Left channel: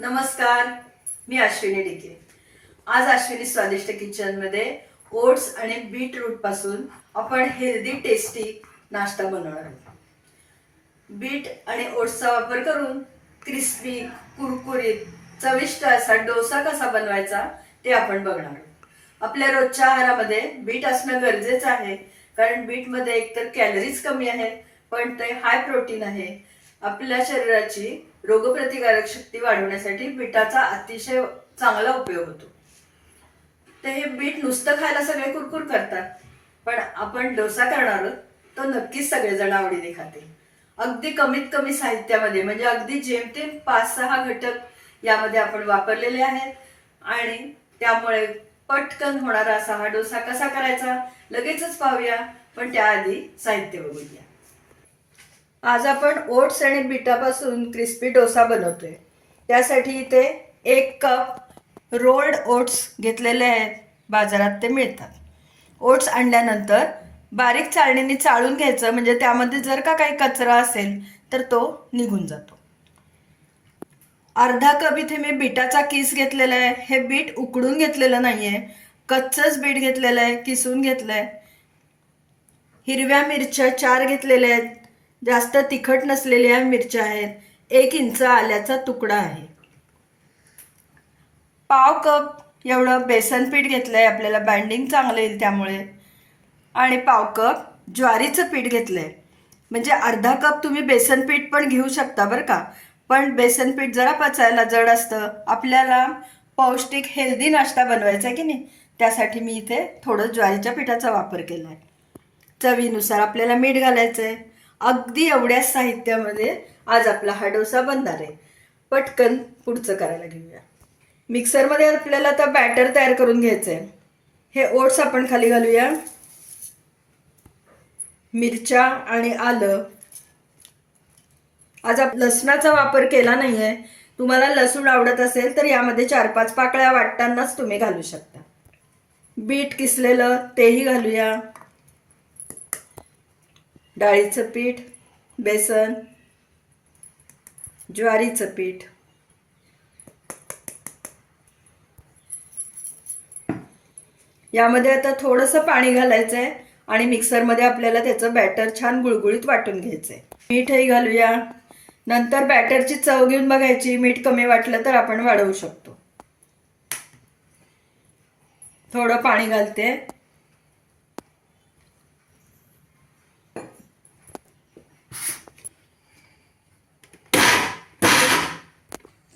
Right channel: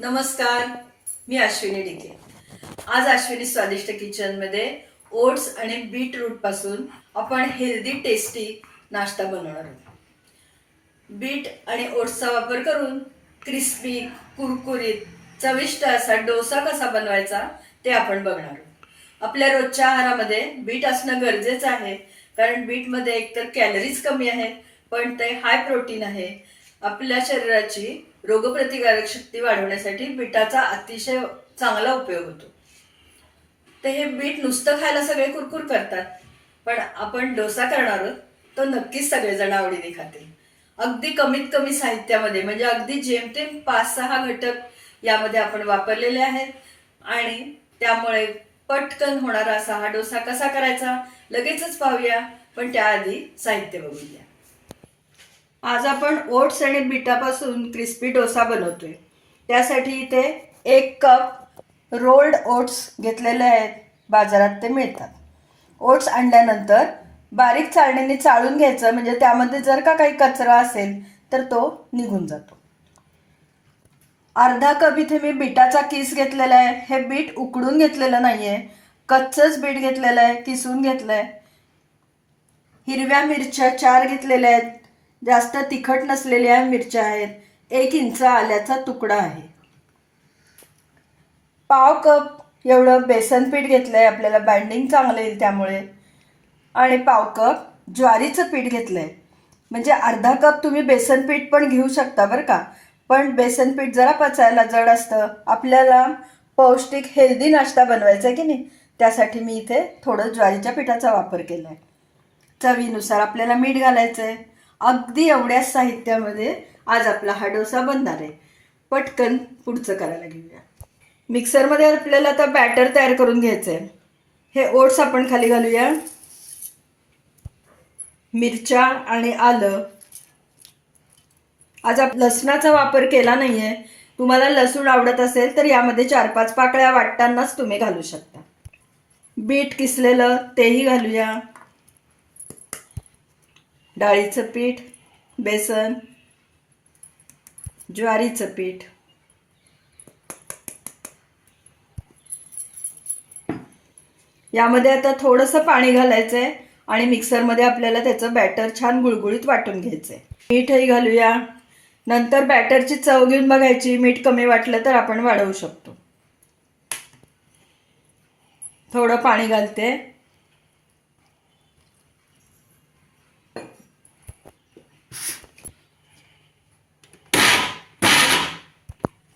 नमस्कार मी अश्विनी डिके आज अश्विनी स्वादिष्ट किचनमध्ये ओट्स आणि बीटरूटपासून आपण हेल्दी टेस्टी नाश्ता बनवणार आहोत. बीट आणि ओट्सचा वापर करून क्रिस्पी कुरकुरीत चविष्ट असा डोसा कसा बनवायचा ते आपण बघणार आहोत. आपल्या रोजच्या आहारामध्ये बीट असणं गरजेचं आहे कारण बीटमध्ये एकतर कॅलरीज कमी आहेत पण ते हाय प्रोटीन आहे आपल्या शरीराची रोगप्रतिकारक शक्ती वाढवण्यासाठी बीटाचा अतिशय चांगला उपयोग होतो. तर हे बीट नुसतं खायला सगळे कुरकुर करतात पण आपण डोसा करणार आहोत तो नक्कीच सगळेजण आवडीने खातील. अगदी कमीत कमी साहित्यामध्ये म्हणजे अगदी जेमतेम पाच सहा घटक यामध्ये आपण वापरलेले आहेत. आणि त्यामुळे पटकन होणारा असा हा डोसा कसा करायचा लगेचच पाहूया पण त्याआधी साहित्य बघूया. आज आपण ओट्स आणि बिटापासून क्रिस्पी डोसा बनवतोय. त्यासाठी इथे एक कप रोल्ड ओट्स घेतलेले आहेत. बाजारात ते मिळतात. ओट्स आणल्यानंतर बारीक चाळणीने चाळून घ्यायचं. म्हणजे त्यामध्ये जर का काही कचरा असेल तर तो निघून जातो. अर्धा कप इथे मी बिटाचा किस घेतलेला आहे. हे बीट उकडून घेतलेलं नाही आहे कच्चंच बीट घेतलेलं आहे. किसून घेतलं आहे हिरव्या मिरच्या चार घेतलेल्या आहेत. जास्त तिखट नसलेल्या मिरच्या आहेत. एक इंच आल्याचा तुकडा आहे. पाव कप एवढं बेसन पीठ घेतलं आहे आपल्याला बाइंडिंग चांगलं येईल त्यामुळे. आणि पाव कप ज्वारीचं पीठ घेतलं आहे म्हणजे अर्धा कप तुम्ही बेसन पीठ पण घेऊ शकता बरं का. पण बेसन पीठ जरा पचायला जड असतं. आपल्याला पौष्टिक हेल्दी नाश्ता बनवायचा आहे की नाही? त्यासाठी मी इथे थोडं ज्वारीच्या पिठाचा वापर केला आहे चवीनुसार आपल्याला मीठ घालायचं आहे अगदी एवढ्याच साहित्यामध्ये आज आपला हा डोसा बनणार आहे. पटकन पुढचं करायला घेऊया. मिक्सरमध्ये आपल्याला आता बॅटर तयार करून घ्यायचं आहे हे ओट्स आपण खाली घालूया. मिरच्या आणि आलं. आज आप लसणाचा वापर केला नाही आहे तुम्हाला लसूण आवडत असेल तर यामध्ये चार पाच पाकळ्या वाटतानाच तुम्ही घालू शकता. बीट किसलेलं तेही घालूया. डाळीचं पीठ बेसन ज्वारीचं पीठ. यामध्ये आता थोडंसं पाणी घालायचं आहे आणि मिक्सरमध्ये आपल्याला त्याचं बॅटर छान गुळगुळीत वाटून घ्यायचं आहे मीठही घालूया. नंतर बॅटरची चव घेऊन बघायची. मीठ कमी वाटलं तर आपण वाढवू शकतो. थोडं पाणी घालते.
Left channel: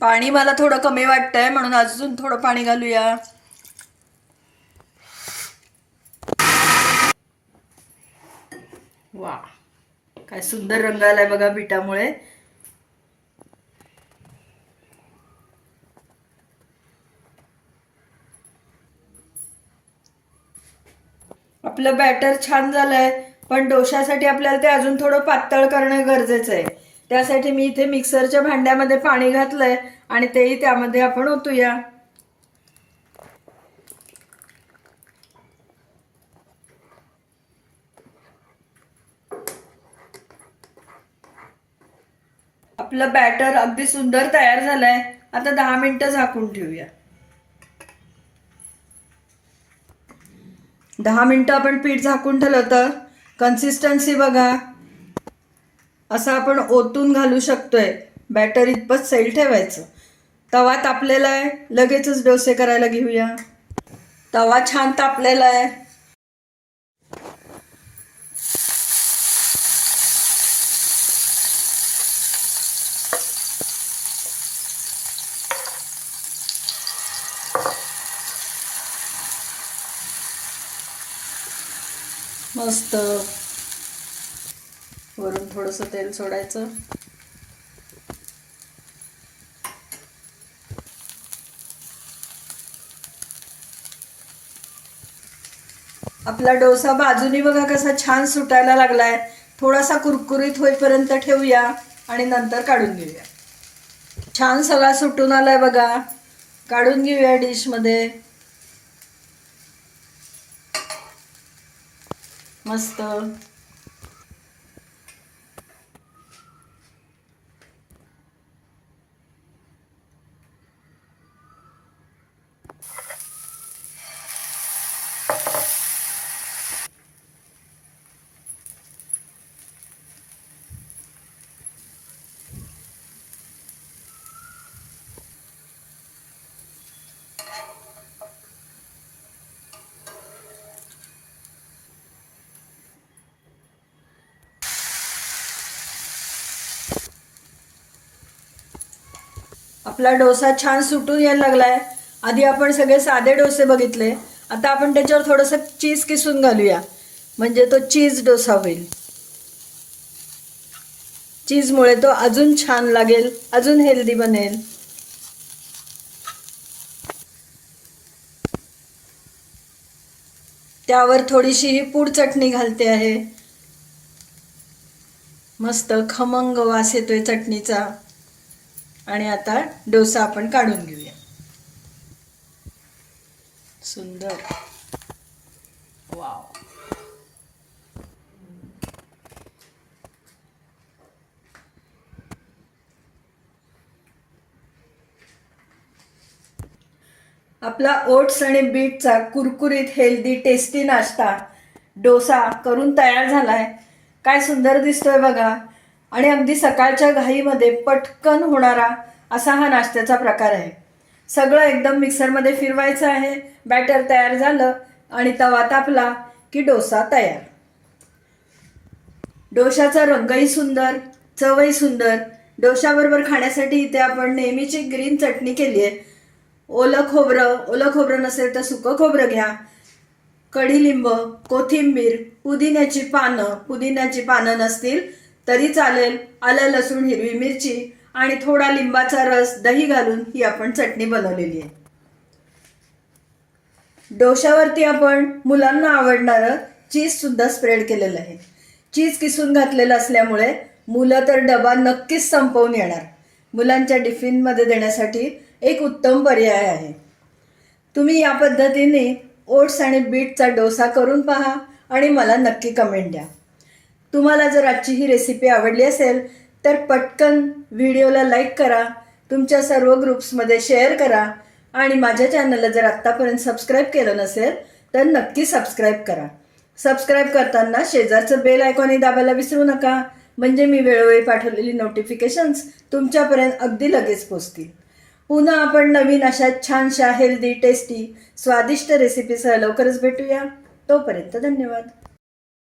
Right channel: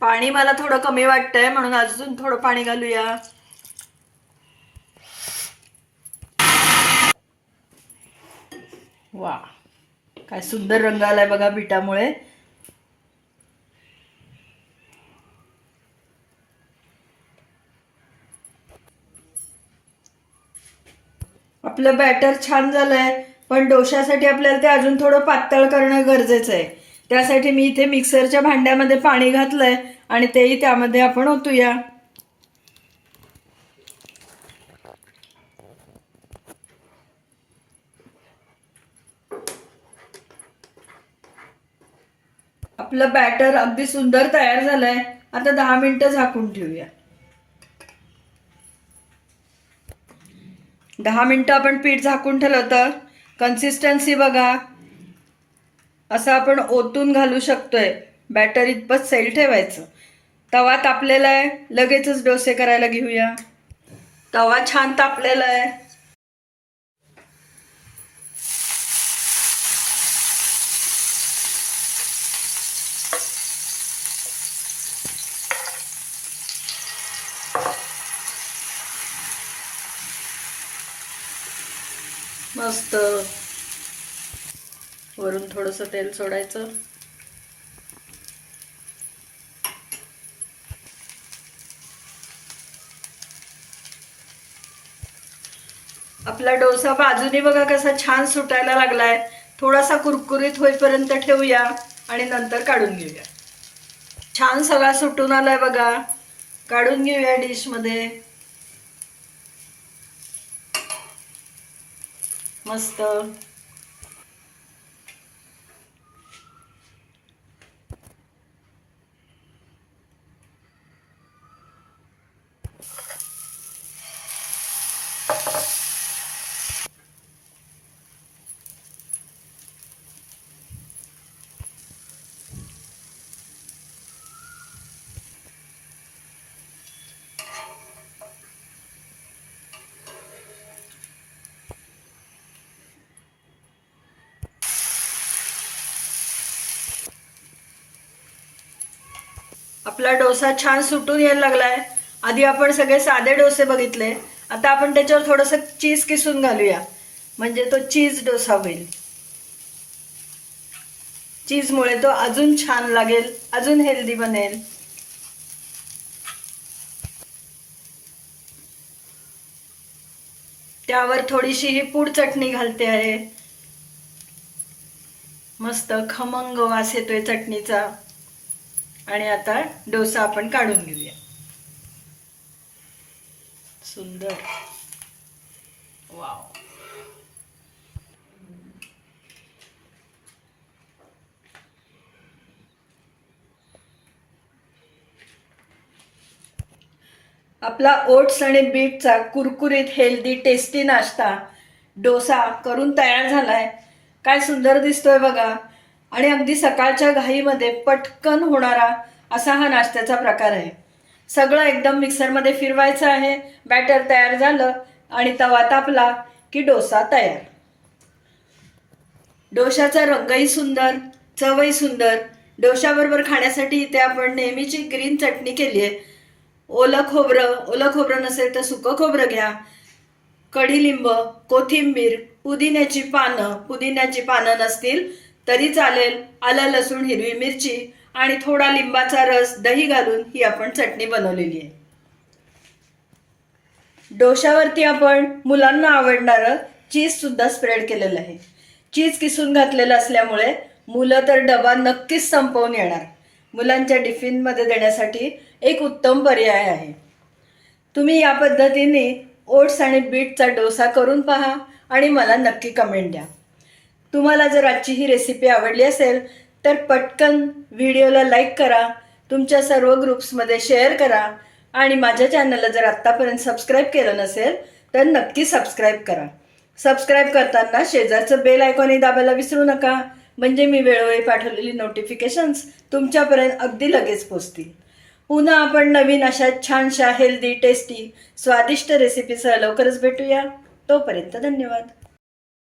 पाणी मला थोडं कमी वाटतंय म्हणून अजून थोडं पाणी घालूया. वा काय सुंदर रंग आलाय बघा बिटामुळे आपलं बॅटर छान झालंय पण डोशासाठी आपल्याला ते अजून थोडं पातळ करणं गरजेचं आहे त्यासाठी मी इथे मिक्सरच्या भांड्यामध्ये पाणी घातलंय. आणि तेही त्यामध्ये आपण ओतूया. आपलं बॅटर अगदी सुंदर तयार झालंय. आता दहा मिनिटं झाकून ठेवूया. दहा मिनिटं आपण पीठ झाकून ठेवलं तर कन्सिस्टन्सी बघा. असं आपण ओतून घालू शकतोय. बॅटर इतपत सैल ठेवायचं. तवा तापलेला आहे. लगेचच डोसे करायला घेऊया. तवा छान तापलेला आहे. मस्त. वरून थोडंसं तेल सोडायचं. आपला डोसा बाजूनी बघा कसा छान सुटायला लागलाय. थोडासा कुरकुरीत होईपर्यंत ठेवूया आणि नंतर काढून घेऊया. छान सगळा सुटून आलाय बघा. काढून घेऊया डिशमध्ये. मस्त. आपला डोसा छान सुटून यायला लागलाय. आधी आपण सगळे साधे डोसे बघितले. आता आपण त्याच्यावर थोडंसं चीज किसून घालूया. म्हणजे तो चीज डोसा होईल. चीजमुळे तो अजून छान लागेल अजून हेल्दी बनेल. त्यावर थोडीशी ही पूड चटणी घालते आहे. मस्त खमंग वास येतोय चटणीचा. आणि आता डोसा आपण काढून घेऊया. सुंदर. वाव. आपला ओट्स आणि बीटचा कुरकुरीत हेल्दी टेस्टी नाश्ता डोसा करून तयार झालाय. काय सुंदर दिसतोय बघा. आणि अगदी सकाळच्या घाईमध्ये पटकन होणारा असा हा नाश्त्याचा प्रकार आहे. सगळं एकदम मिक्सरमध्ये फिरवायचं आहे बॅटर तयार झालं आणि तवा तापला की डोसा तयार. डोशाचा रंगही सुंदर चवही सुंदर. डोशाबरोबर खाण्यासाठी इथे आपण नेहमीची ग्रीन चटणी केली आहे. ओलं खोबरं ओलं खोबरं नसेल तर सुकं खोबरं घ्या. कढीलिंब कोथिंबीर पुदिन्याची पानं पुदिन्याची पानं नसतील तरी चालेल आलं लसूण हिरवी मिरची आणि थोडा लिंबाचा रस दही घालून ही आपण चटणी बनवलेली आहे. डोशावरती आपण मुलांना आवडणारं चीजसुद्धा स्प्रेड केलेलं आहे. चीज किसून घातलेलं असल्यामुळे मुलं तर डबा नक्कीच संपवून येणार. मुलांच्या टिफिनमध्ये देण्यासाठी एक उत्तम पर्याय आहे. तुम्ही या पद्धतीने ओट्स आणि बीटचा डोसा करून पहा आणि मला नक्की कमेंट द्या. तुम्हाला जर आजची ही रेसिपी आवडली असेल तर पटकन व्हिडिओला लाईक करा तुमच्या सर्व ग्रुप्समध्ये शेअर करा आणि माझ्या चॅनलला जर आत्तापर्यंत सबस्क्राईब केलं नसेल तर नक्की सबस्क्राईब करा. सबस्क्राईब करताना शेजारचं बेल आयकॉनही दाबायला विसरू नका. म्हणजे मी वेळोवेळी पाठवलेली नोटिफिकेशन्स तुमच्यापर्यंत अगदी लगेच पोचतील. पुन्हा आपण नवीन अशा छानशा हेल्दी टेस्टी स्वादिष्ट रेसिपीसह लवकरच भेटूया. तोपर्यंत धन्यवाद.